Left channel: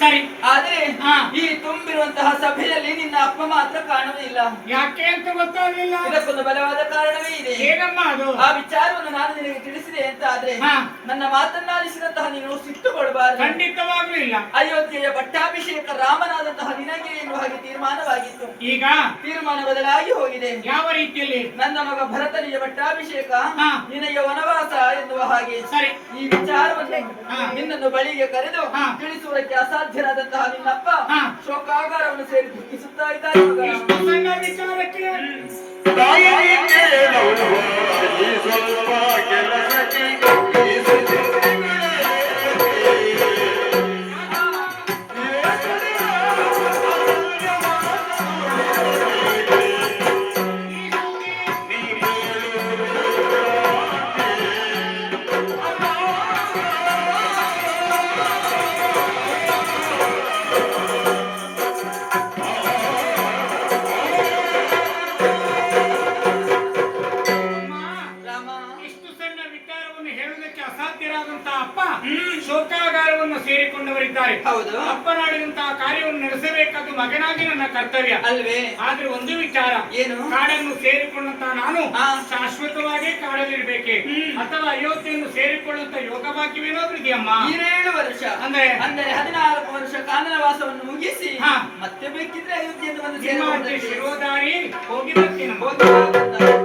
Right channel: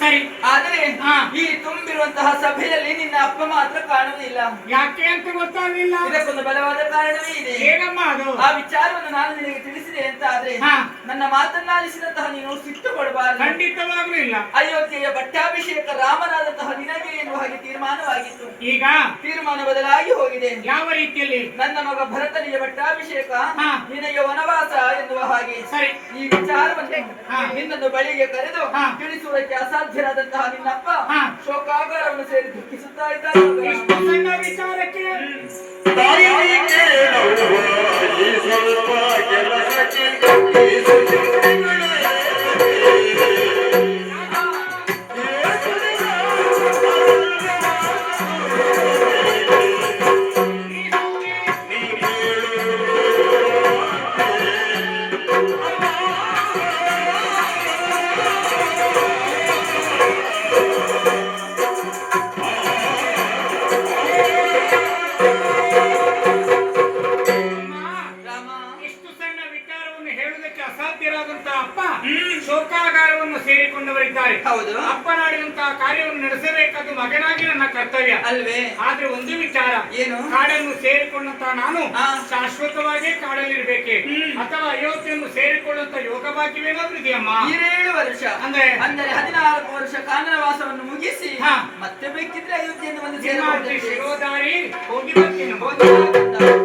ಸರಿ. ಆದ್ರೆ ಈ ತುಂಬಿರುವಂತಹ ಸಭೆಯಲ್ಲಿ ನಿನ್ನ ಅಪ್ಪ ಮಾತ್ರ ಕಾಣುವುದಿಲ್ಲ. ಯಾಕೆ ಅಂತ ಗೊತ್ತಾಗ್ಲಿಲ್ಲ. ಇದಕ್ಕೊಂದು ಬಲವಾದ ಕಾರಣವೇ ಇದೆ. ಹೇಗಮ್ಮ ಅದು? ಆ ವಿಚಾರವನ್ನು ನಾನು ನಿನಗೆ ತಿಳಿಸಿದೆ ಅಂತ ಆದ್ರೆ ನನ್ನ ಮಾತನ್ನಾಲಿಸಿದಂತಹ ನೀನು ಸಿಟ್ಟುಕೊಡಬಾರದು. ಖಂಡಿತವಾಗ್ಲೂ ಇಲ್ಲ. ಅಯೋಧ್ಯೆಯ ಪಟ್ಟಾಭಿಷೇಕ ರಾಮನಾದಂತಹ ನಿನಗೆ ಎನ್ನುವ ಹಾಗೆ ತೀರ್ಮಾನವಾಗಿತ್ತು. ಈಗ ತೀರ್ಮಾನ ಬದಲಾಗಿ ಹೋಗಿದೆ. ಯಾವ ರೀತಿಯಲ್ಲಿ? ನನ್ನ ಮಗ ಭರತನಿಗೆ ಪಟ್ಟಾಭಿಷೇಕ, ನಿನಗೆ ವನವಾಸ ಎನ್ನುವ ಹಾಗೆ. ಸರಿ. ಈ ವಿಚಾರವನ್ನು ನಿನ್ನನ್ನು ಬಳಿಗೆ ಕರೆದು ತಿಳಿಸುವುದಕ್ಕೆ ಅಸಾಧ್ಯರಾದಂತಹ ನಿನ್ನಪ್ಪ ಶೋಕಾಗಾರವನ್ನು ಸೇರಿ ದುಃಖಿಸುತ್ತಾ ಇದ್ದಾರೆ. ಇಷ್ಟು ಸಣ್ಣ ವಿಚಾರಕ್ಕೆ ಶೋಕಾಗಾರವನ್ನು ಸೇರಿಕೊಂಡವರಿದ್ದಾರೆ. ಹೌದು. ಅಪ್ಪನಾಡಿದಂತಹ ಕಾರ್ಯವನ್ನು ನಡೆಸಬೇಕಾದ ಮಗನಾಗಿ ನನ್ನ ಕರ್ತವ್ಯ ಅಲ್ವೇ? ಆದ್ರೆ ಒಂದು ವಿಚಾರ ಏನು? ಕಾಡನ್ನು ಸೇರಿಕೊಂಡಂತಹ ನಾನು ಶಾಶ್ವತವಾಗಿ ಕಾಡಲ್ಲಿರ್ಬೇಕೆ ಅಥವಾ ಅಯೋಧ್ಯೆಯನ್ನು ಸೇರಿಕೊಳ್ಳುವಂತ ಯೋಗ ಭಾಗ್ಯವೇನಾದ್ರೂ ಇದೆಯಮ್ಮ? 7 ವರ್ಷ ಅಂದ್ರೆ 14 ವರ್ಷ ಕಾನನವಾಸವನ್ನು ಮುಗಿಸಿ ಮತ್ತೆ ಬೇಕಿದ್ರೆ ಅಯೋಧ್ಯೆಯನ್ನು ಬಂದು ಶಿರೋಧಾರಿ ಹೋಗಿ ಬರ್ತೀನಿ.